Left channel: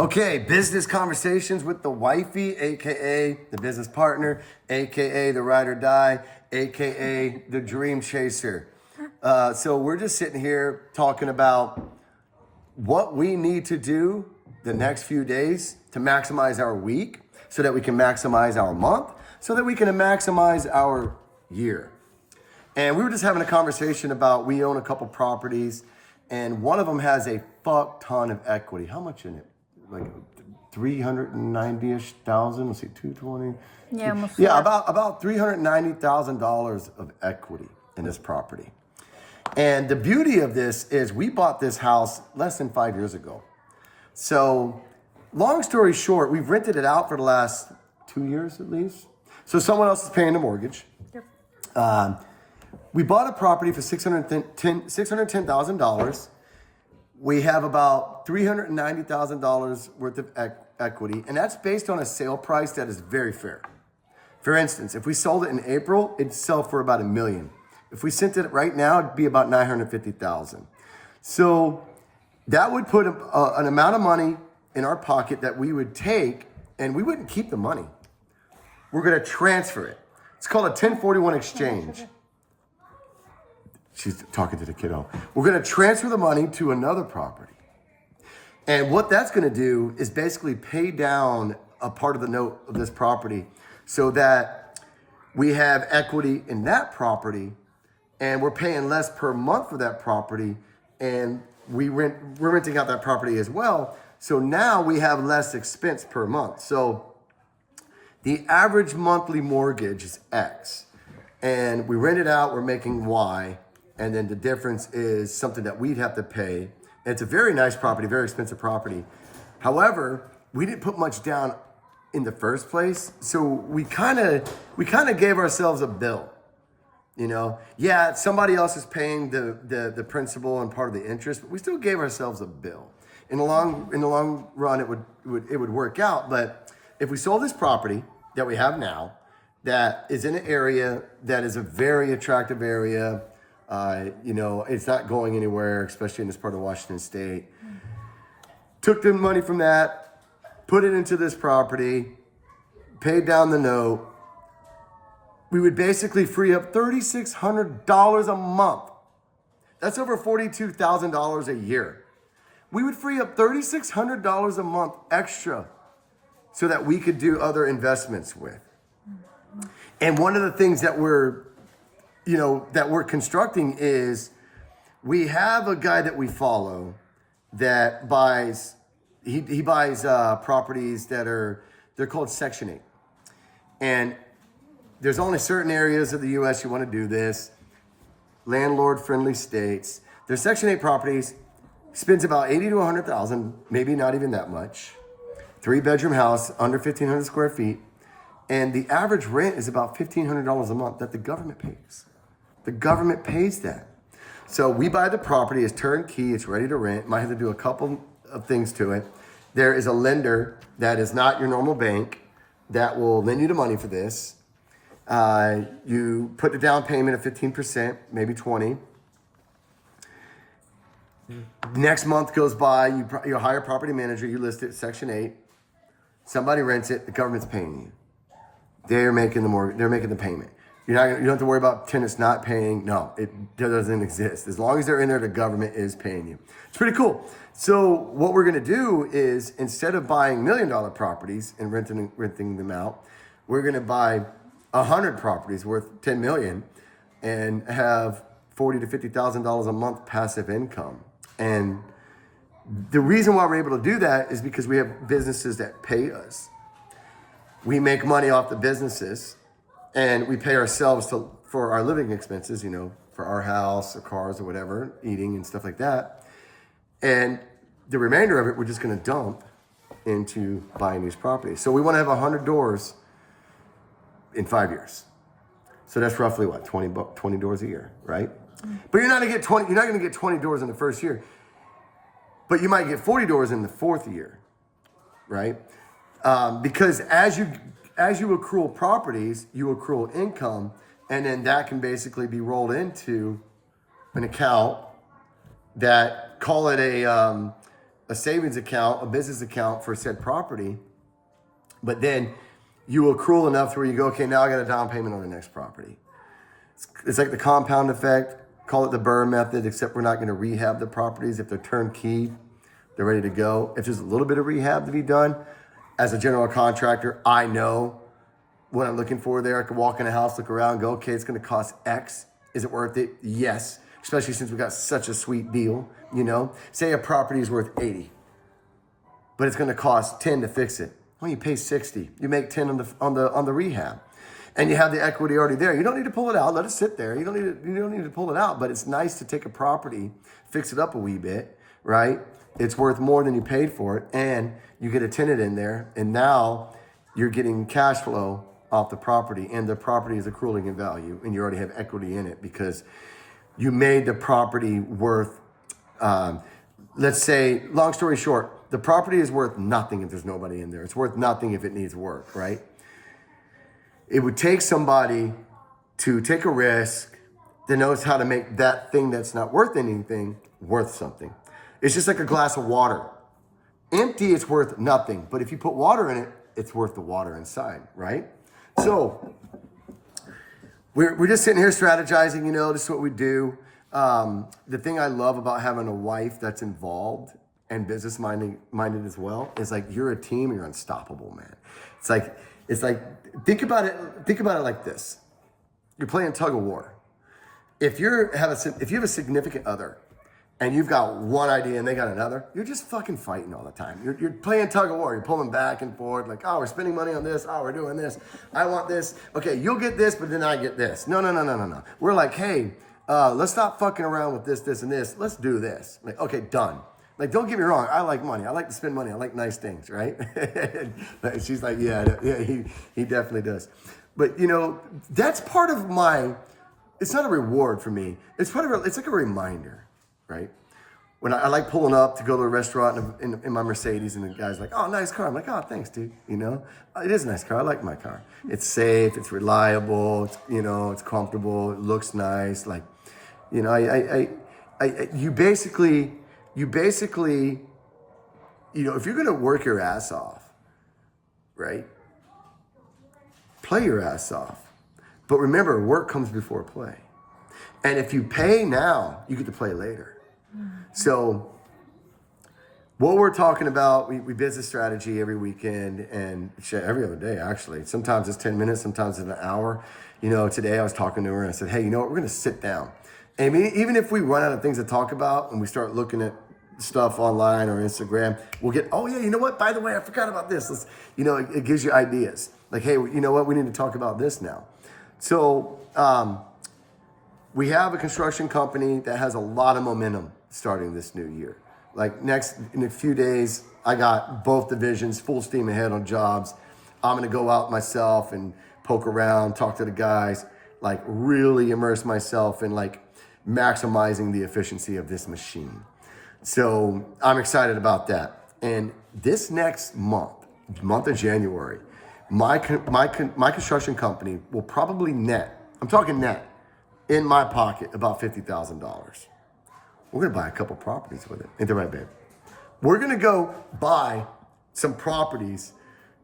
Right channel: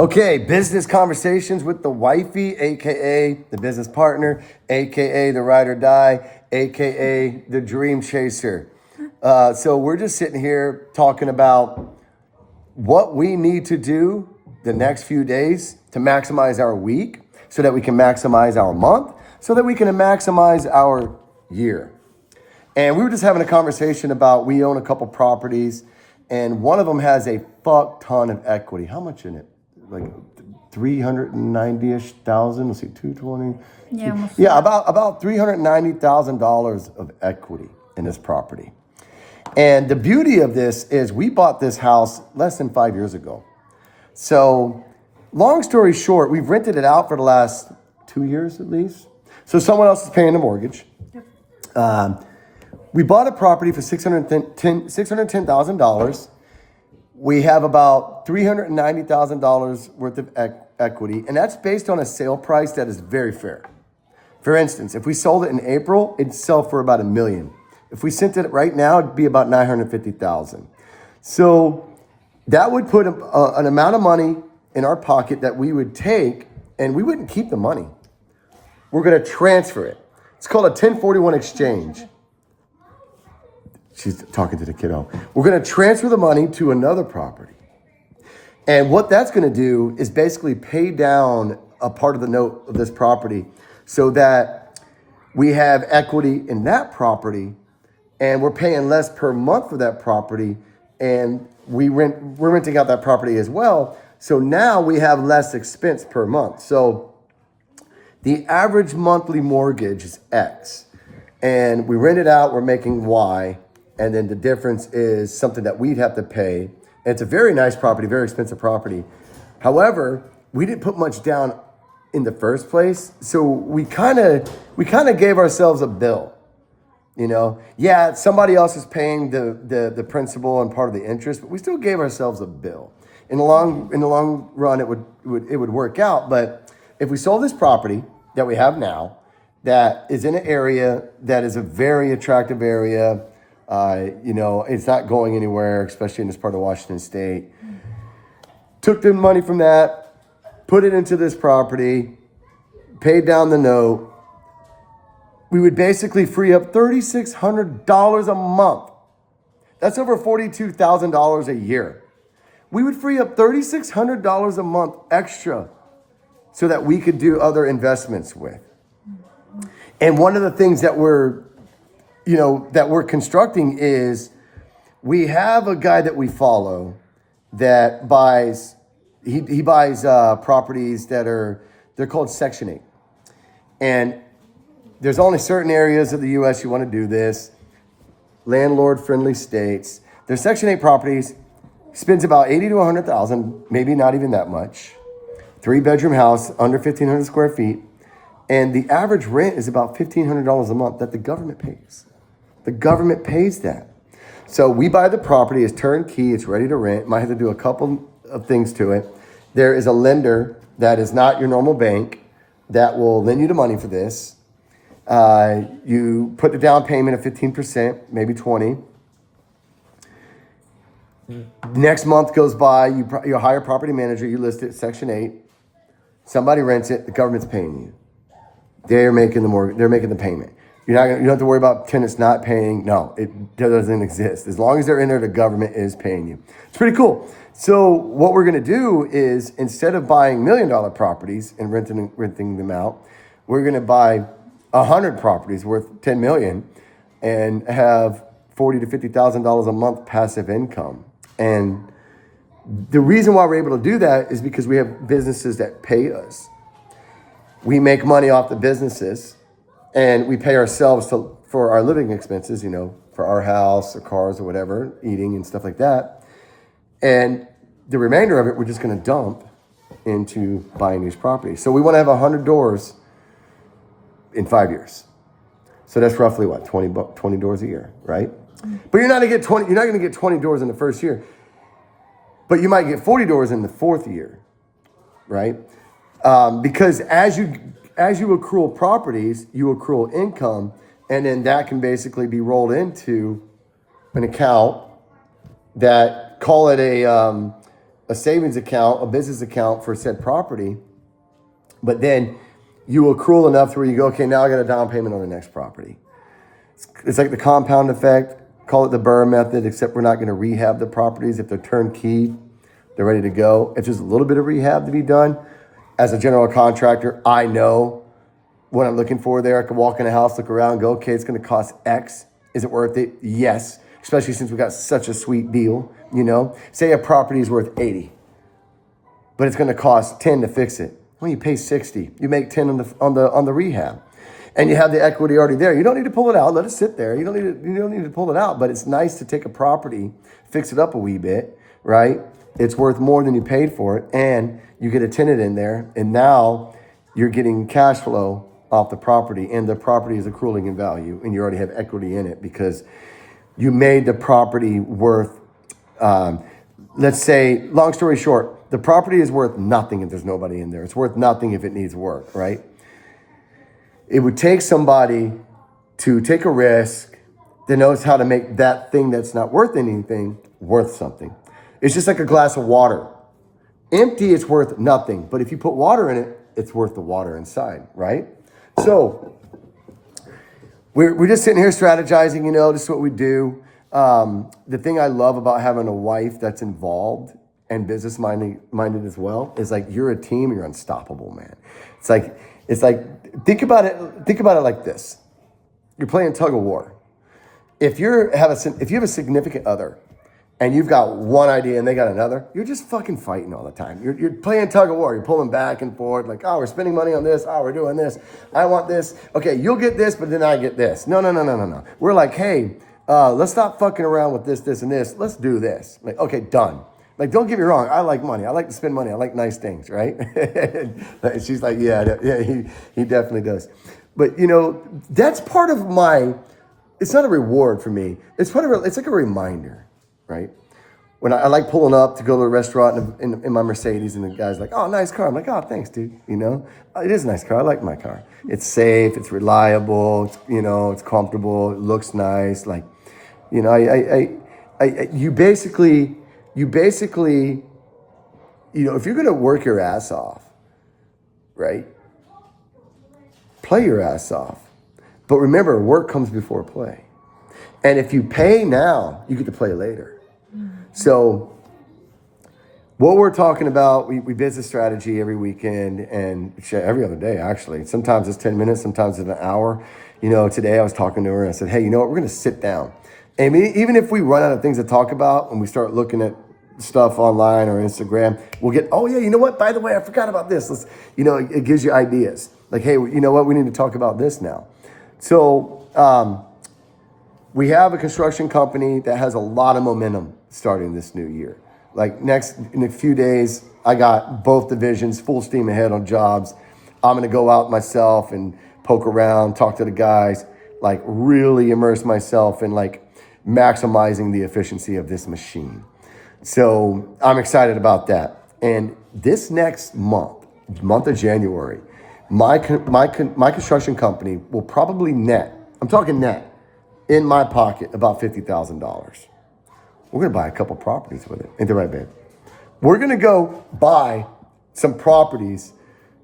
Okay, business conversations with the wifey, aka the business partner, aka the ride or die, aka the dream chaser. So we're just sitting here talking about what we need to do the next few days to maximize our week, so that we can maximize our month, so that we can maximize our year. And we were just having a conversation about we own a couple properties, and one of them has a fuck ton of equity. How much in it? Like 390-ish thousand. Let's see, 220. Yeah, almost. Yeah, about $390,000 of equity in this property. And the beauty of this is we bought this house less than 5 years ago. So long story short, we've rented it out for the last 2 years at least. So someone else is paying the mortgage. Yep. We bought a property for $610,000. We have about $390,000 worth of equity, and that's based on a sale price that is very fair. For instance, if we sold it in April, it'd sell for about $1 million. If we sent it right now, it'd be about $950,000. So that would put an amount of money in our pocket that we would take, and we wouldn't keep the money. We're going to transfer it. It's called a 1041 exchange. She's talking to the kiddo. We're going to transfer the money to another property. And what that's going to do is basically pay down a part of the note of this property so that we have equity in that property, and we're paying less per month for that property, and we're renting out that property as well. So now we have less expense per month. So the average monthly mortgage is X, and we rent it out, we're making Y. And then the difference is something that we'd have to pay. And it's a very nice property, very expensive property. However, we didn't put much down in the first place. So we kind of gave ourselves a bill. You know, yeah, somebody else is paying the principal and part of the interest, but we still gave ourselves a bill. In the long run, it would work out. But if we sold this property that we have now, that is in an area that is a very attractive area. It's not going anywhere, especially in this part of Washington State. Took the money from that, put it into this property, paid down the note. We would basically free up $3,600 a month. That's over $42,000 a year. We would free up $3,600 a month extra so that we could do other investments with. And one of the things that we're constructing is we have a guy that we follow that buys, he buys properties they're called Section 8. And there's only certain areas of the U.S. you want to do this, landlord-friendly states. There's Section 8 properties, spends about $80,000 to $100,000, maybe not even that much. 3-bedroom house, under 1,500 square feet. And the average rent is about $1,500 a month that the government pays. The government pays that. So we buy the property, it's turnkey, it's ready to rent. Might have to do a couple of things to it. There is a lender that is not your normal bank that will lend you the money for this. You put the down payment of 15%, maybe 20. Next month goes by, you hire a property manager, you list it Section 8. Somebody rents it, the government's paying you. They're making the mortgage, they're making the payment. You don't have to worry about tenants not paying. No, it doesn't exist. As long as they're in there, the government is paying you. It's pretty cool. So what we're going to do is, instead of buying $1 million properties and renting them out, we're going to buy 100 properties worth $10 million and have $40,000 to $50,000 a month passive income. And the reason why we're able to do that is because we have businesses that pay us. We make money off the businesses. And we pay ourselves for our living expenses, for our house or cars or whatever, eating and stuff like that. And the remainder of it, we're just going to dump into buying these properties. So we want to have 100 doors in 5 years. So that's roughly what, 20 doors a year, right? But you're not going to get 20. You're not going to get 20 doors in the first year, but you might get 40 doors in the fourth year, right? Because as you accrue properties, you accrue income, and then that can basically be rolled into an account that, call it a a savings account, a business account for said property, but then you accrue enough to where you go, okay, now I got a down payment on the next property. It's like the compound effect. Call it the Burr method, except we're not going to rehab the properties. If they're turnkey, they're ready to go. If there's a little bit of rehab to be done, as a general contractor, I know what I'm looking for there. I can walk in a house, look around, and go, okay, it's going to cost X. Is it worth it? Yes. Especially since we got such a sweet deal, you know. Say a property is worth 80, but it's going to cost 10 to fix it. Well, you pay 60. You make 10 on the rehab. And you have the equity already there. You don't need to pull it out. Let it sit there. You don't need to pull it out. But it's nice to take a property, fix it up a wee bit, right? It's worth more than you paid for it, and you get a tenant in there, and now you're getting cash flow off the property, and the property is accruing in value, and you already have equity in it because you made the property worth. Let's say, long story short, the property is worth nothing if there's nobody in there. It's worth nothing if it needs work, right? It would take somebody to take a risk that knows how to make that thing that's not worth anything worth something. It's just like a glass of water. Empty, it's worth nothing. But if you put water in it, it's worth the water inside, right? So we're just sitting here strategizing, you know, this is what we do. The thing I love about having a wife that's involved and business minded as well is like you're a team and you're unstoppable, man. It's like think about it like this. You're playing tug of war. If you have a significant other and you've got one idea and they got another, you're just fucking fighting all the time. You're playing tug of war. You're pulling back and forth like, oh, we're spending money on this. Oh, we're doing this. I want this. Okay, you'll get this, but then I get this. No. We're like, hey, let's stop fucking around with this, and this. Let's do this. Like, okay, done. Like, don't get me wrong. I like money. I like to spend money. I like nice things, right? She's like, yeah, he definitely does. But, you know, that's part of it's not a reward for me. It's like a reminder, right? When I like pulling up to go to a restaurant in my Mercedes and the guy's like, oh, nice car. I'm like, oh, thanks, dude. You know, it is a nice car. I like my car. It's safe. It's reliable. It's comfortable. It looks nice. Like, you know, you basically, you know, if you're going to work your ass off, right? Play your ass off. But remember, work comes before play. And if you pay now, you get to play later. So what we're talking about, we business strategy every weekend and every other day, actually. Sometimes it's 10 minutes, sometimes it's an hour. You know, today I was talking to her and I said, hey, you know what? We're going to sit down. And even if we run out of things to talk about and we start looking at stuff online or Instagram, we'll get, oh yeah, you know what? By the way, I forgot about this. It gives you ideas. Like, hey, you know what? We need to talk about this now. So we have a construction company that has a lot of momentum starting this new year. Like in a few days, I got both divisions full steam ahead on jobs. I'm going to go out myself and poke around, talk to the guys, like really immerse myself in like maximizing the efficiency of this machine. So I'm excited about that. And this next month of January, my construction company will probably net, I'm talking net, in my pocket about $50,000. We're going to buy a couple properties with it. Ain't that right, babe? We're going to go buy some properties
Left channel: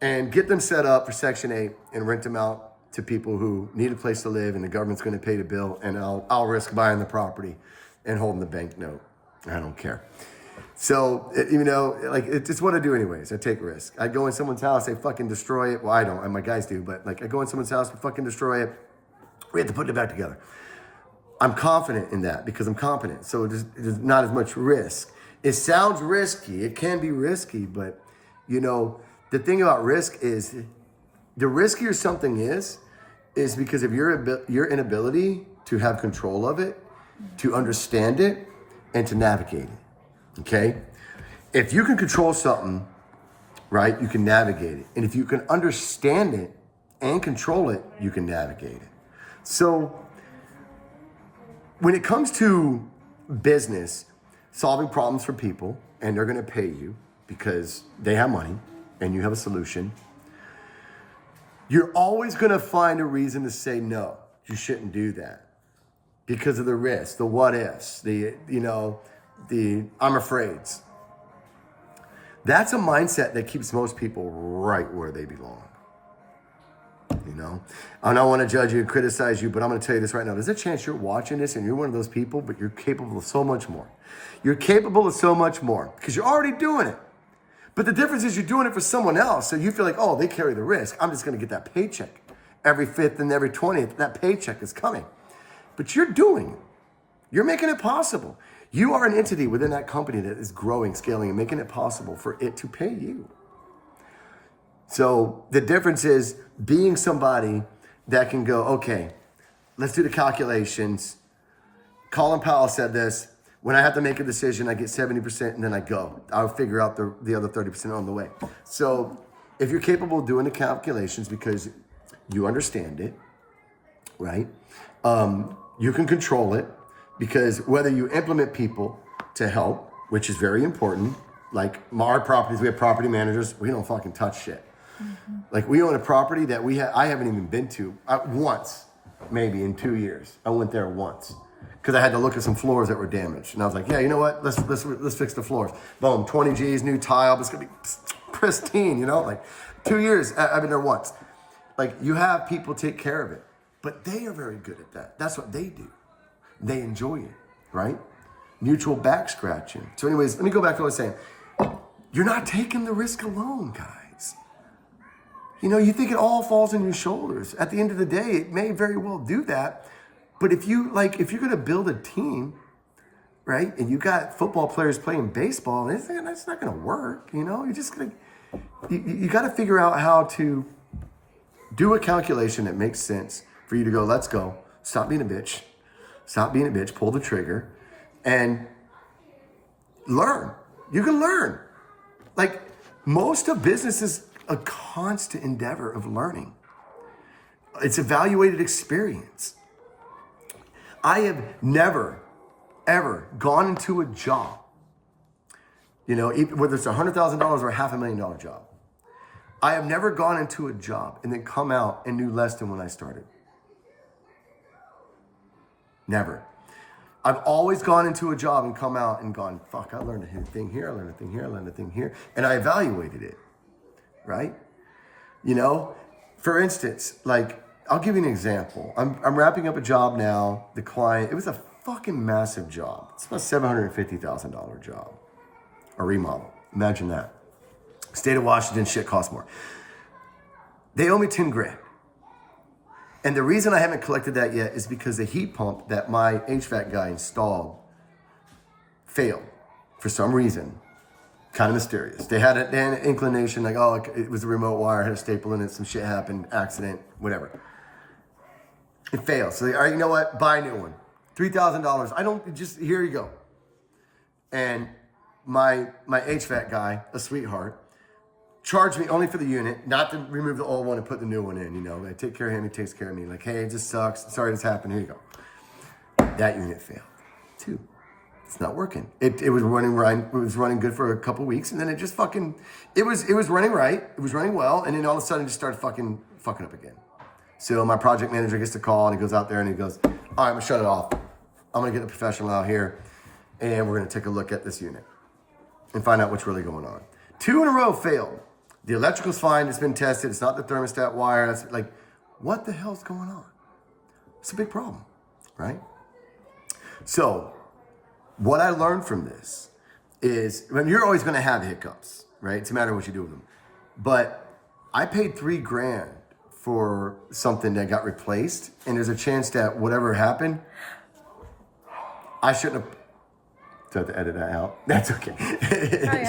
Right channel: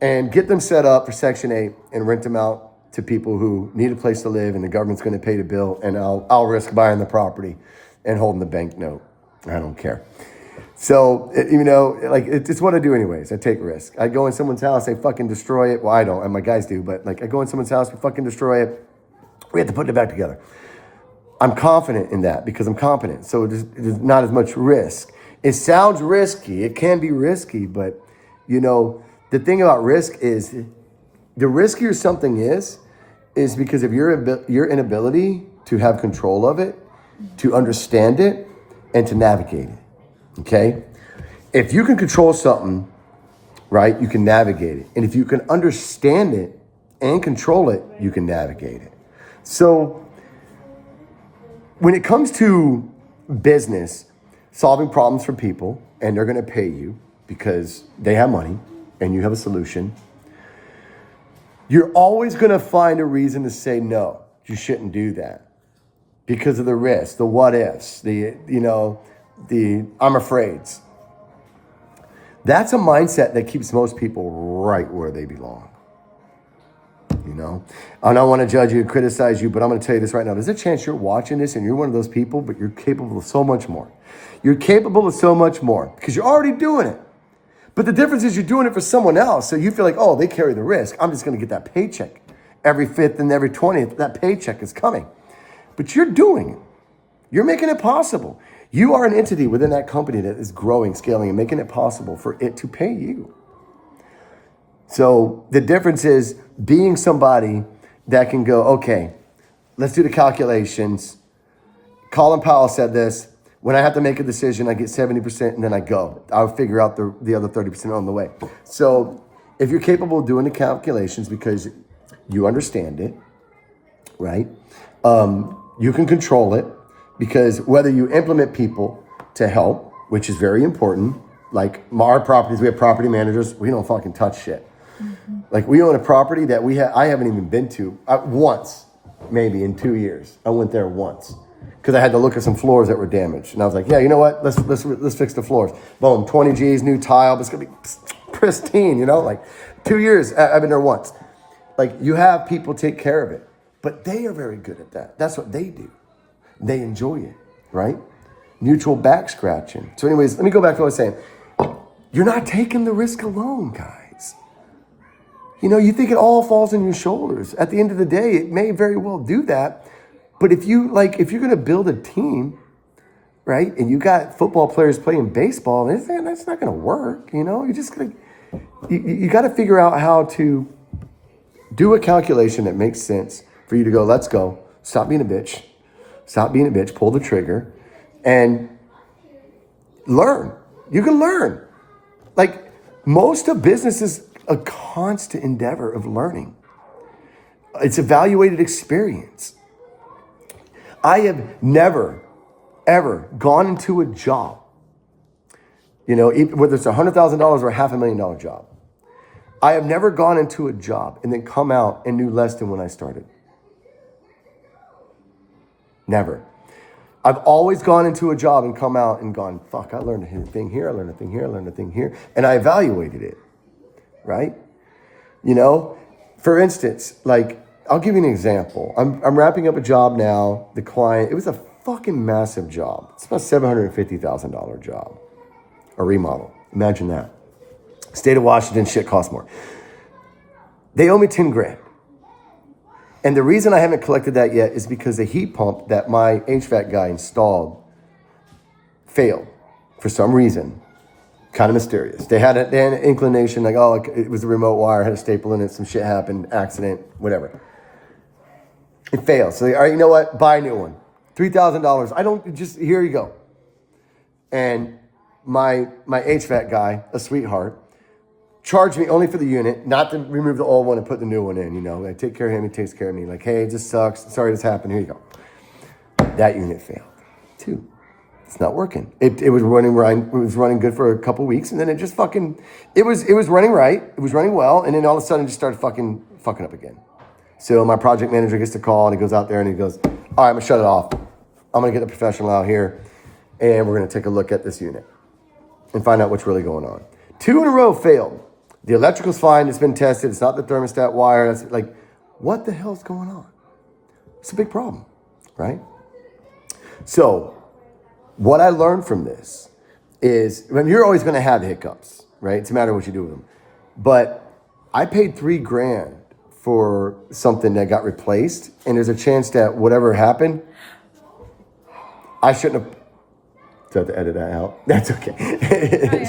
and get them set up for Section 8 and rent them out to people who need a place to live, and the government's going to pay the bill, and I'll risk buying the property and holding the bank note. I don't care. So, it's what I do anyways. I take risks. I go in someone's house, they fucking destroy it. Well, I don't, and my guys do, but like I go in someone's house, we fucking destroy it. We have to put it back together. I'm confident in that because I'm competent. So there's not as much risk. It sounds risky. It can be risky, but you know, the thing about risk is the riskier something is because of your inability to have control of it, to understand it, and to navigate it. Okay? If you can control something, right, you can navigate it. And if you can understand it and control it, you can navigate it. So when it comes to business, solving problems for people, and they're going to pay you because they have money and you have a solution, you're always going to find a reason to say, no, you shouldn't do that because of the risk, the what ifs, the I'm afraids. That's a mindset that keeps most people right where they belong. You know, I don't want to judge you, criticize you, but I'm going to tell you this right now. There's a chance you're watching this and you're one of those people, but you're capable of so much more. You're capable of so much more because you're already doing it. But the difference is you're doing it for someone else. So you feel like, oh, they carry the risk. I'm just going to get that paycheck. Every 5th and every 20th, that paycheck is coming. But you're doing it. You're making it possible. You are an entity within that company that is growing, scaling, and making it possible for it to pay you. So the difference is being somebody that can go, okay, let's do the calculations. Colin Powell said this. When I have to make a decision, I get 70% and then I go. I'll figure out the other 30% on the way. So if you're capable of doing the calculations because you understand it, right? You can control it because whether you implement people to help, which is very important, like our properties, we have property managers, we don't fucking touch shit. Mm-hmm. Like we own a property that I haven't even been to once, maybe in 2 years. I went there once because I had to look at some floors that were damaged. And I was like, yeah, you know what? Let's fix the floors. Boom, 20 G's, new tile, but it's gonna be pristine, you know? Like 2 years, I've been there once. Like you have people take care of it, but they are very good at that. That's what they do. They enjoy it, right? Mutual back scratching. So anyways, let me go back to what I was saying. You're not taking the risk alone, guys. You know, you think it all falls on your shoulders. At the end of the day, it may very well do that. But if you're going to build a team, right, and you got football players playing baseball, that's not going to work. You know, you got to figure out how to do a calculation that makes sense for you to go, let's go. Stop being a bitch. Stop being a bitch. Pull the trigger and learn. You can learn. Like most of business is a constant endeavor of learning. It's evaluated experience. I have never, ever gone into a job, you know, whether it's $100,000 or a $500,000 job. I have never gone into a job and then come out and knew less than when I started. Never. I've always gone into a job and come out and gone, fuck, I learned a thing here, I learned a thing here, I learned a thing here. And I evaluated it, right? You know, for instance, like, I'll give you an example. I'm wrapping up a job now. The client, it was a fucking massive job. It's about $750,000 job, a remodel. Imagine that. State of Washington, shit costs more. They owe me 10 grand. And the reason I haven't collected that yet is because the heat pump that my HVAC guy installed failed for some reason. Kind of mysterious. They had an inclination like, oh, it was a remote wire, had a staple in it, some shit happened, accident, whatever. It failed. So, all right, you know what? Buy a new one. $3,000. Here you go. And my HVAC guy, a sweetheart, charged me only for the unit, not to remove the old one and put the new one in, you know. I take care of him, he takes care of me. Like, hey, it just sucks. Sorry this happened. Here you go. That unit failed. 2. It's not working. It was running right. It was running good for a couple weeks, and then it just fucking. It was running right. It was running well, and then all of a sudden, it just started fucking up again. So my project manager gets the call, and he goes out there and he goes, "All right, I'm gonna shut it off. I'm gonna get a professional out here, and we're gonna take a look at this unit and find out what's really going on." 2 in a row failed. The electrical's fine. It's been tested. It's not the thermostat wire. That's like, what the hell's going on? It's a big problem, right? So. What I learned from this is, you're always going to have hiccups, right? It's a matter of what you do with them. But I paid $3 grand for something that got replaced, and there's a chance that whatever happened, I shouldn't have. Do I have to edit that out? That's okay.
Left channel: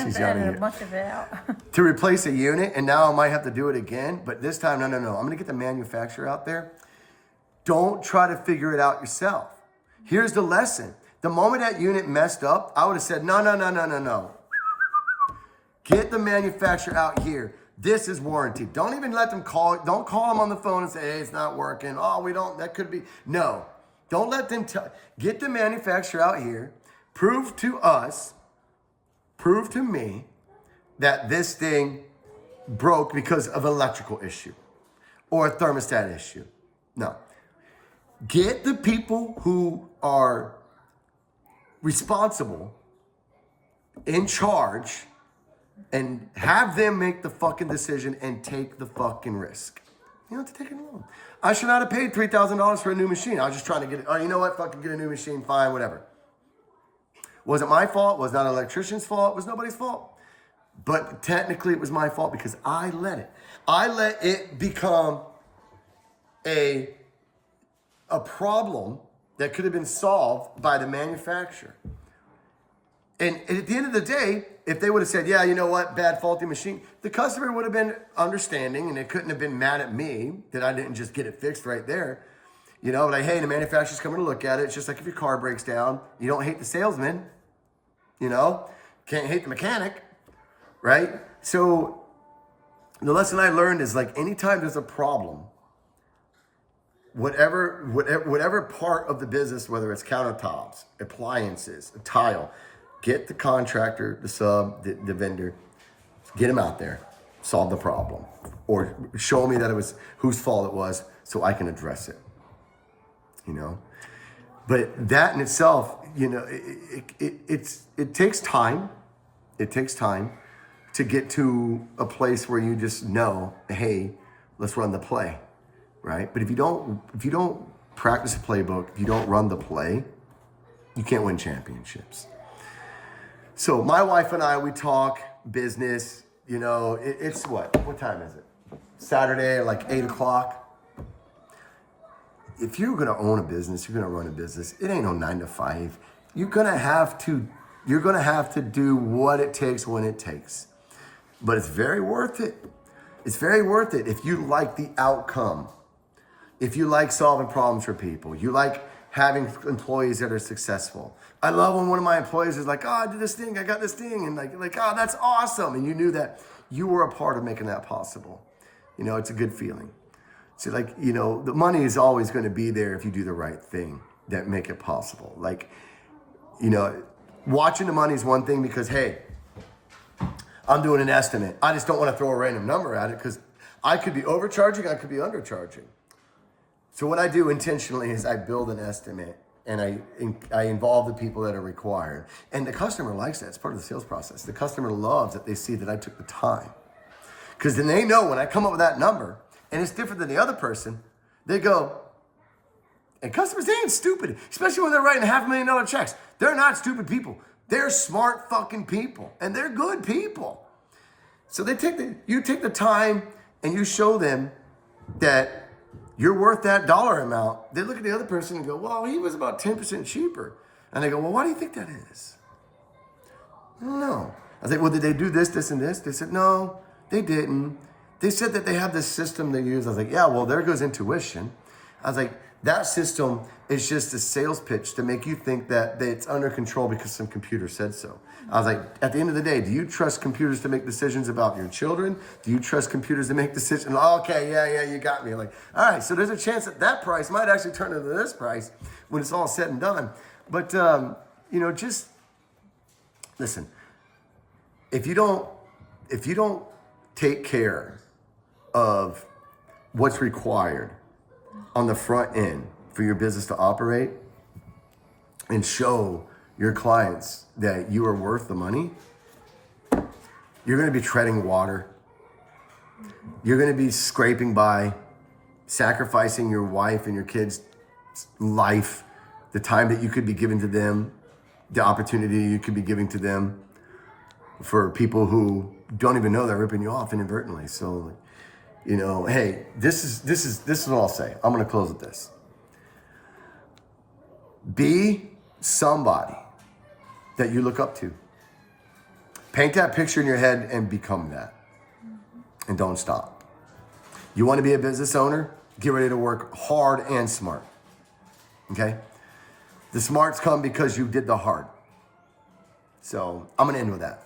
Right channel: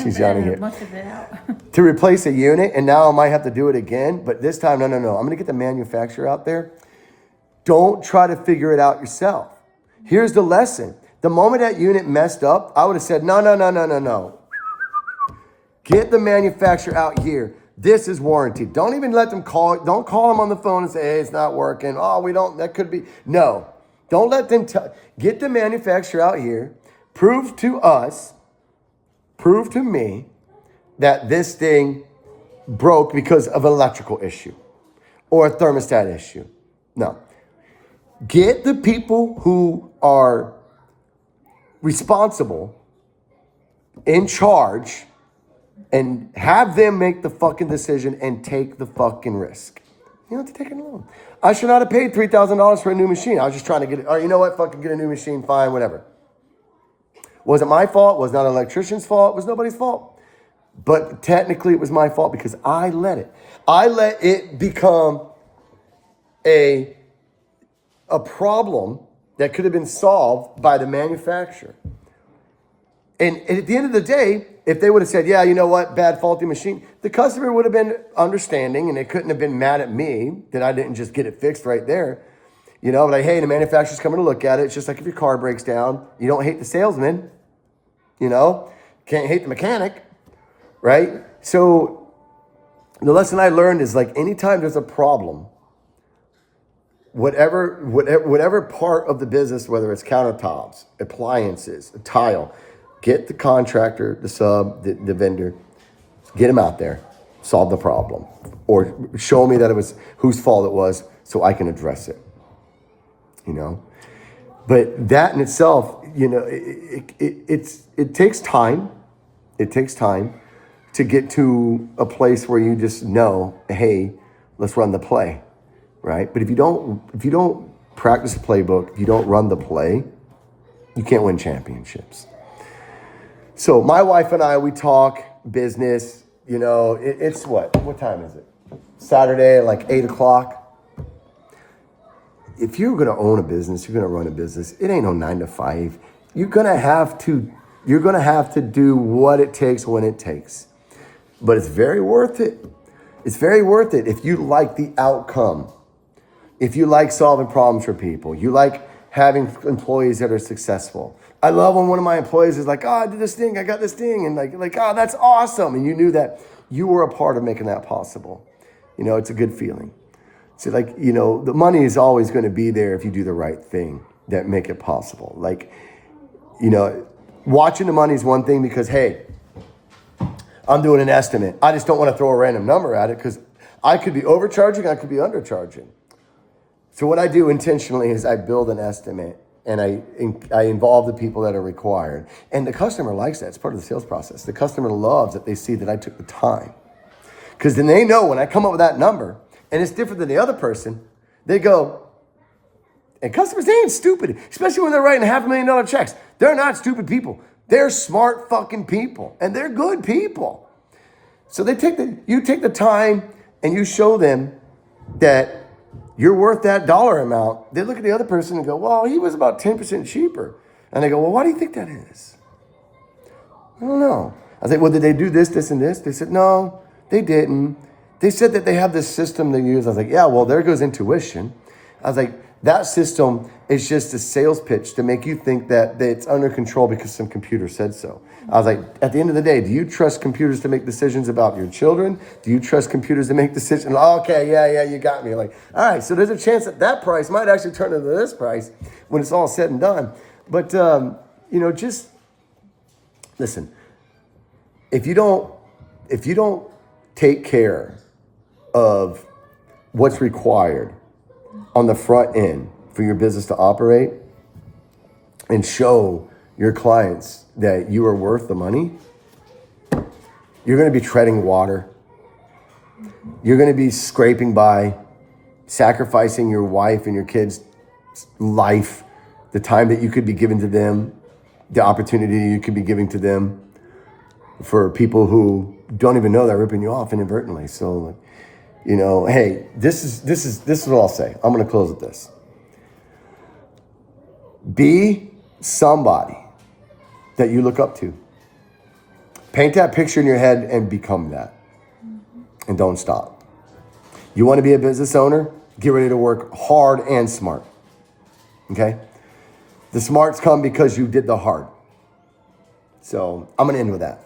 She's shouting here. Much of it out. To replace a unit, and now I might have to do it again. But this time, no. I'm going to get the manufacturer out there. Don't try to figure it out yourself. Here's the lesson. The moment that unit messed up, I would have said, no. Get the manufacturer out here. This is warranty. Don't even let them call. Don't call them on the phone and say, hey, it's not working. Oh, that could be. No. Don't let them get the manufacturer out here. Prove to me that this thing broke because of an electrical issue or a thermostat issue. No. Get the people who are responsible, in charge, and have them make the fucking decision and take the fucking risk. You don't have to take it alone. I should not have paid $3,000 for a new machine. I was just trying to get it. Oh, you know what? Fucking get a new machine. Fine, whatever. Wasn't my fault. Was not an electrician's fault. It was nobody's fault. But technically it was my fault because I let it. I let it become a problem that could have been solved by the manufacturer. And at the end of the day, if they would have said, yeah, you know what, bad faulty machine, the customer would have been understanding and they couldn't have been mad at me that I didn't just get it fixed right there. You know, like, hey, the manufacturer's coming to look at it. It's just like if your car breaks down, you don't hate the salesman, you know, can't hate the mechanic, right? So the lesson I learned is like anytime there's a problem, whatever part of the business, whether it's countertops, appliances, a tile, get the contractor, the sub, the vendor, get him out there, solve the problem, or show me that it was whose fault it was so I can address it, you know? But that in itself, you know, it takes time. It takes time to get to a place where you just know, hey, let's run the play, right? But if you don't practice the playbook, if you don't run the play, you can't win championships. So my wife and I, we talk business, you know, it's what time is it? Saturday, like 8:00. If you're going to own a business, you're going to run a business, it ain't no 9 to 5. You're going to have to do what it takes when it takes. But it's very worth it. It's very worth it if you like the outcome. If you like solving problems for people, you like having employees that are successful. I love when one of my employees is like, oh, I did this thing, I got this thing, and like, oh, that's awesome. And you knew that you were a part of making that possible. You know, it's a good feeling. So like, you know, the money is always going to be there if you do the right thing that make it possible. Like, you know, watching the money is one thing because, hey, I'm doing an estimate. I just don't want to throw a random number at it because I could be overcharging, I could be undercharging. So what I do intentionally is I build an estimate and I involve the people that are required. And the customer likes that. It's part of the sales process. The customer loves that they see that I took the time. Because then they know when I come up with that number, and it's different than the other person, they go, and customers, they ain't stupid, especially when they're writing $500,000 checks. They're not stupid people. They're smart fucking people, and they're good people. So you take the time and you show them that you're worth that dollar amount. They look at the other person and go, well, he was about 10% cheaper. And they go, well, why do you think that is? I don't know. I was like, well, did they do this, this, and this? They said, no, they didn't. They said that they have this system they use. I was like, yeah, well, there goes intuition. I was like, that system is just a sales pitch to make you think that it's under control because some computer said so. I was like, at the end of the day, do you trust computers to make decisions about your children? Do you trust computers to make decisions? Okay, yeah, you got me. Like, all right, so there's a chance that price might actually turn into this price when it's all said and done. But, you know, just listen, if you don't take care of what's required on the front end for your business to operate and show your clients that you are worth the money, you're going to be treading water. You're going to be scraping by, sacrificing your wife and your kids' life, the time that you could be giving to them, the opportunity you could be giving to them for people who don't even know they're ripping you off inadvertently. So, you know, hey, this is what I'll say. I'm going to close with this. Be somebody that you look up to. Paint that picture in your head and become that. And don't stop. You want to be a business owner? Get ready to work hard and smart. Okay? The smarts come because you did the hard. So I'm going to end with that.